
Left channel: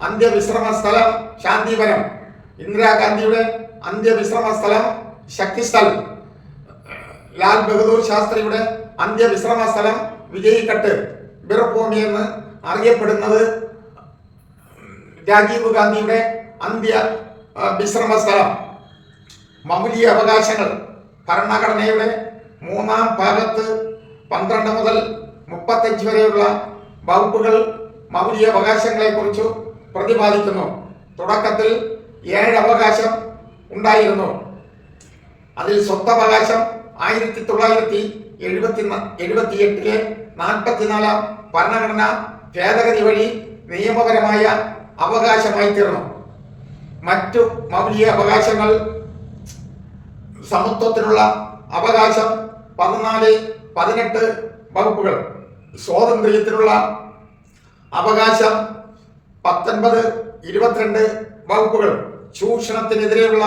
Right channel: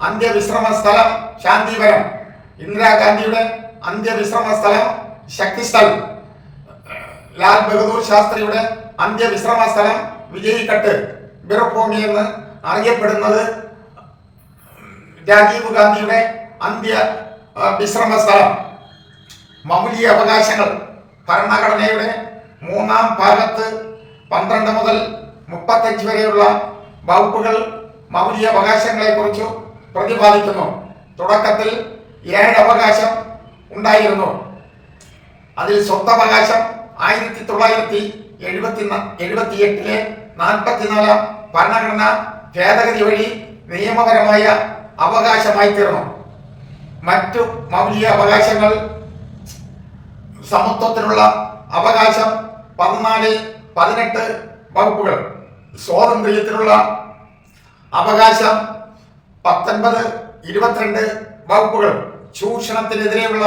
അന്ത്യവിശ്രമ സ്ഥലം, ശാന്തിവനം, ഇന്ദിരാഗാന്ധിയുടെ അന്ത്യവിശ്രമ സ്ഥലം, ശക്തിസ്ഥൽ, ലാൽ ബഹദൂർ ശാസ്ത്രിയുടെ അന്ത്യവിശ്രമ സ്ഥലം, വിജയ് ഘട്ട്, ബിർഭൂമി എന്ന് അറിയപ്പെടുന്നത് രാജീവ് ഗാന്ധിയുടെ അന്ത്യ വിശ്രമ സ്ഥലം. മൗലിക അവകാശങ്ങൾ ഭരണഘടനയുടെ 3-ാം ഭാഗത്ത് 12 മുതൽ 35 വരെയുള്ള വകുപ്പുകൾ മൗലിക അവകാശങ്ങളെക്കുറിച്ച് പ്രതിപാദിക്കുന്നു. തുടക്കത്തിൽ 7 അവകാശം ഉണ്ടായിരുന്നു. അതിൽ സ്വത്തവകാശം 1978 44-ാം ഭരണഘടന ഭേദഗതി വഴി നിയമപരമായ അവകാശമായി തീർന്നു. മറ്റു മൗലിക അവകാശങ്ങൾ: സമത്വത്തിനുള്ള അവകാശം 14, 18 വകുപ്പുകൾ, സ്വാതന്ത്ര്യത്തിനുള്ള അവകാശം 19, 22 വകുപ്പുകൾ, ചൂഷണത്തിനെതിരെയുള്ള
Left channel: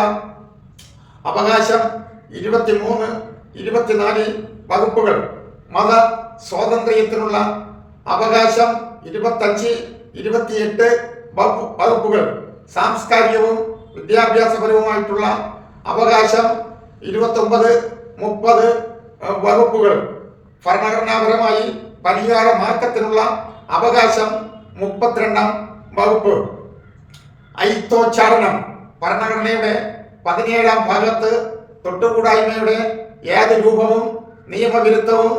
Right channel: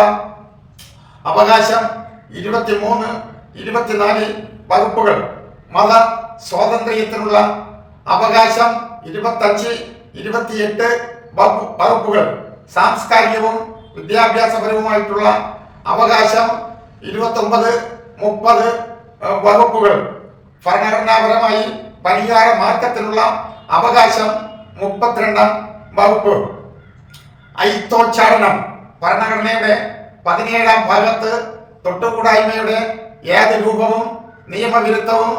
അവകാശം 23, 24 വകുപ്പുകൾ, മത സ്വാതന്ത്ര്യത്തിനുള്ള അവകാശം 25, 28 വകുപ്പുകൾ, സാംസ്കാരികവും വിദ്യാഭ്യാസപരവുമായിട്ടുള്ള അവകാശം 29, 30 വകുപ്പുകൾ, ഭരണഘടനാപരമായി പരിഹാര മാർഗത്തിനുള്ള അവകാശം 32-ാം വകുപ്പ്, ഐത്തോച്ചാടനം ഭരണഘടനയുടെ 17-ാം ഭാഗത്ത് തൊട്ടുകൂടായ്മയുടെ ഏത് രൂപവും നിയമവിരുദ്ധവും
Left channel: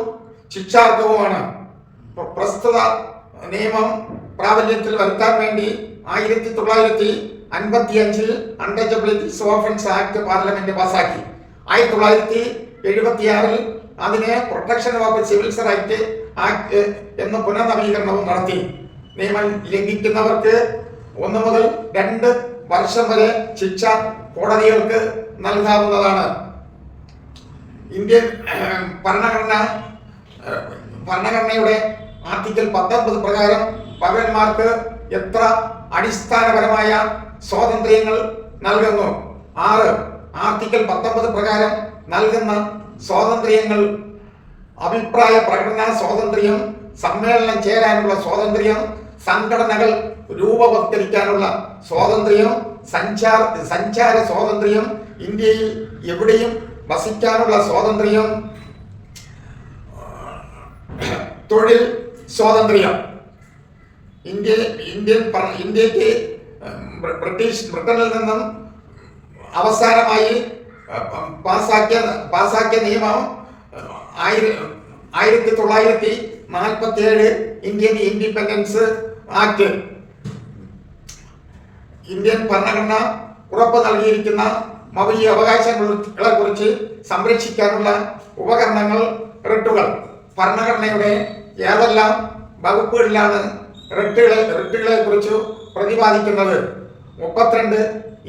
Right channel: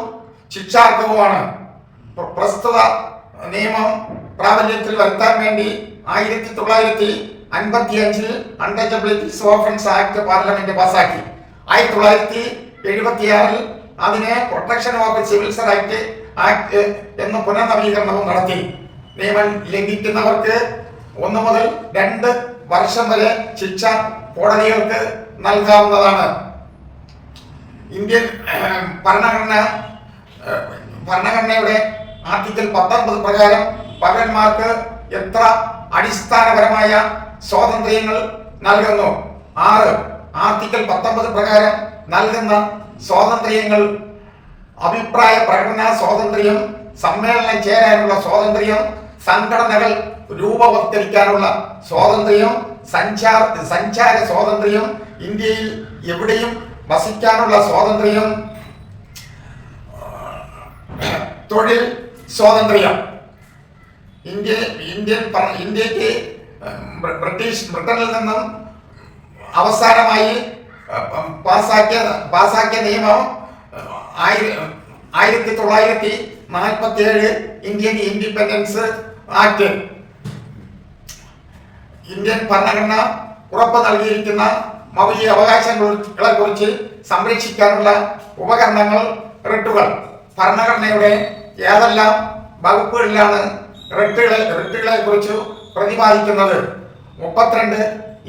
ശിക്ഷാർഹവുമാണ്. പ്രസ്തുത നിയമം പ്രാബല്യത്തിൽ വരുത്താൻ വേണ്ടി 1955 അൺടച്ചബിലിറ്റീസ് ഓഫൻസ് ആക്ട് പാർലമെന്റ് പാസാക്കി. 1976 അതിനെ protection of civils right act എന്ന പുനർനവീകരണവും നടത്തി. നിയമം ലംഘിക്കുന്നവർക്ക് 1 മുതൽ 2 വർഷം വരെ ശിക്ഷ കോടതികൾക്ക് നൽകാവുന്നതാണ്. ഇന്ത്യൻ ഭരണഘടനയുടെ ആർട്ടിക്കിൾ 19 പ്രകാരം പൗരന്മാർക്ക് എത്ര അടിസ്ഥാനപരമായ സ്വാതന്ത്ര്യങ്ങൾ നൽകുന്നു? 6. ആർട്ടിക്കിൾ 19 പ്രകാരം നൽകുന്ന സ്വാതന്ത്ര്യങ്ങൾ അഭിപ്രായ പ്രകടന സ്വാതന്ത്ര്യം, സമ്മേളനം ചേരാനുള്ള സ്വാതന്ത്ര്യം, സംഘടനകൾ രൂപവത്കരിക്കാനുള്ള സ്വാതന്ത്ര്യം, സഞ്ചാര സ്വാതന്ത്ര്യം, ഇന്ത്യയിൽ എവിടെയും വസിക്കാനുള്ള സ്വാതന്ത്ര്യം, തൊഴിൽ സ്വാതന്ത്ര്യം. ഇന്ത്യക്ക് ബ്രിട്ടനിൽ നിന്നും അവസാനമായി പാസാക്കിയ നിയമം 1947 ഇന്ത്യൻ ഇൻഡിപെൻഡൻസ് ആക്ട്. ഇന്ത്യൻ ഭരണഘടന ഉറപ്പ് നൽകിയിരിക്കുന്ന മൗലിക അവകാശങ്ങളെ കുറിച്ച് സംരക്ഷിക്കാനുള്ള ഉപകരണങ്ങൾ റിട്ടുകൾ. ഭരണഘടനയുടെ ഏതെല്ലാം വകുപ്പുകളിലാണ് റിട്ടുകളെ കുറിച്ച് പ്രതിപാദിക്കുന്നത്? 32,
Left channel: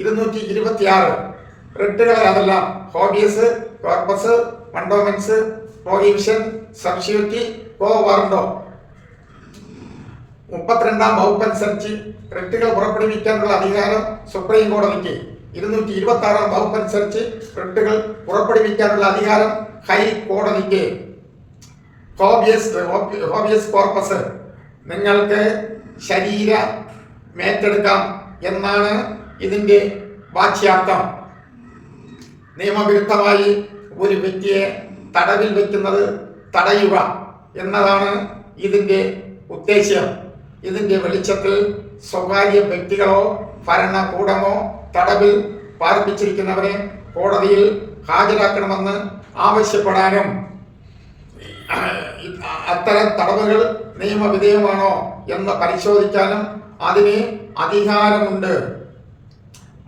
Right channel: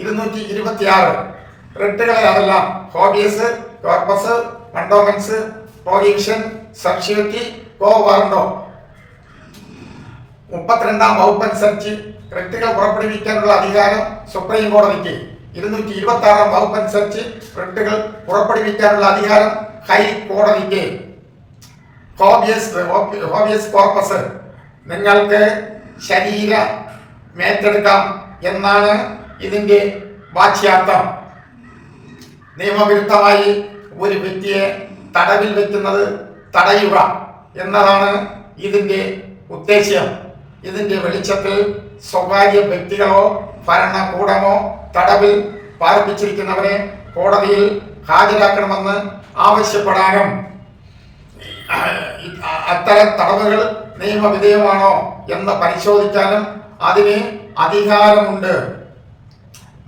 226 റിട്ടുകൾ ഏതെല്ലാം? Habeas corpus, mandamus, prohibition, substitute, quo warranto. 32-ാം വകുപ്പ് അനുസരിച്ച് റിട്ടുകൾ പുറപ്പെടുവിക്കാനുള്ള അധികാരം സുപ്രീം കോടതിക്ക്. 226-ാം വകുപ്പ് അനുസരിച്ച് റിട്ടുകൾ പുറപ്പെടുവിക്കാനുള്ള അധികാരം ഹൈക്കോടതിക്ക്. ഹോബിയസ് കോർപ്പസ് നിങ്ങൾക്ക് ശരീരമേറ്റെടുക്കാം എന്നാണ് ഇതിന്റെ വാച്യാർത്ഥം. നിയമവിരുദ്ധമായി ഒരു വ്യക്തിയെ തടവിൽ വെക്കുന്നത് തടയുക എന്നതാണ് ഇതിന്റെ ഉദ്ദേശ്യം. ഇതിന്റെ വെളിച്ചത്തിൽ സ്വകാര്യ വ്യക്തികളോ ഭരണകൂടമോ തടവിൽ പാർപ്പിച്ചിരിക്കുന്നവരെ കോടതിയിൽ ഹാജരാക്കണമെന്ന് ആവശ്യപ്പെടാനും അത്തരം തടവുകൾ നിയമവിധേയമാണോ എന്ന് പരിശോധിക്കാനും അതിന് അധികാരമുണ്ട്.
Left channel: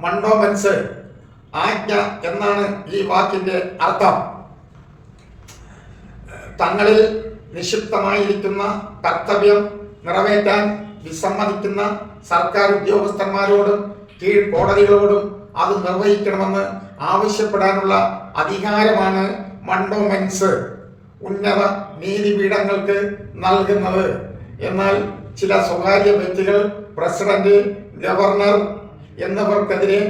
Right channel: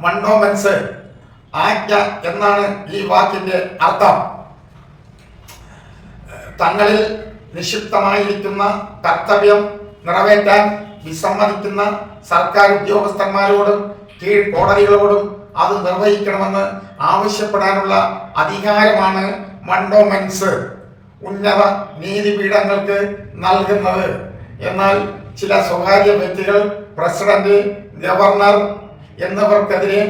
മണ്ടോമെൻസ് ആജ്ഞ എന്നാണ് ഈ വാക്കിന്റെ അർത്ഥം. തങ്ങളിൽ നിക്ഷിപ്തമായിരിക്കുന്ന കർത്തവ്യം നിറവേറ്റാൻ വിസമ്മതിക്കുന്ന സർക്കാർ ഉദ്യോഗസ്ഥന്മാരോടും കീഴ്ക്കോടതികളോടും അത് നിർവഹിക്കണമെന്ന് ആവശ്യപ്പെടാനുള്ള അധികാരമാണ് മണ്ടോമെൻസ് ഉന്നത നീതിപീഠങ്ങൾക്ക് നൽകുന്നത്. എന്നാൽ ചില സ്വകാര്യ വ്യക്തികൾ, പ്രസിഡന്റ്, ഗവർണർ എന്നിവർക്കെതിരെ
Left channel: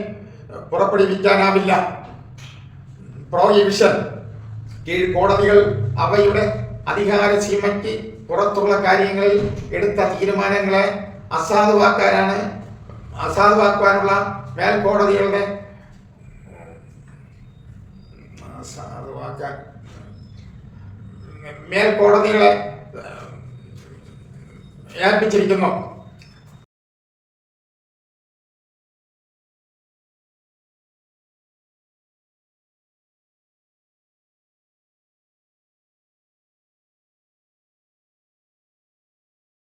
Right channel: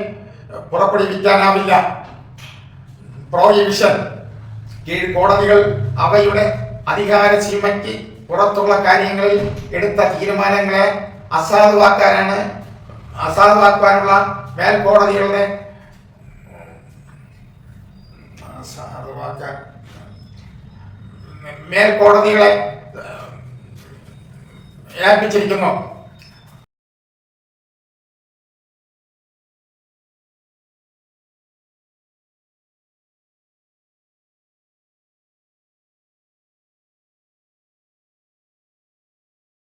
പുറപ്പെടുവിക്കാനാവില്ല. പ്രൊഹിബിഷൻ. കീഴ്ക്കോടതികൾ അവയുടെ അധികാര സീമയ്ക്ക് പുറത്തുള്ള കാര്യങ്ങളിൽ എടുത്ത തീരുമാനങ്ങളെ അസാധുവാക്കാനുള്ള മേൽക്കോടതികളുടെ മേൽക്കോടതികളെ ഏൽപ്പിച്ചിരിക്കുന്നു.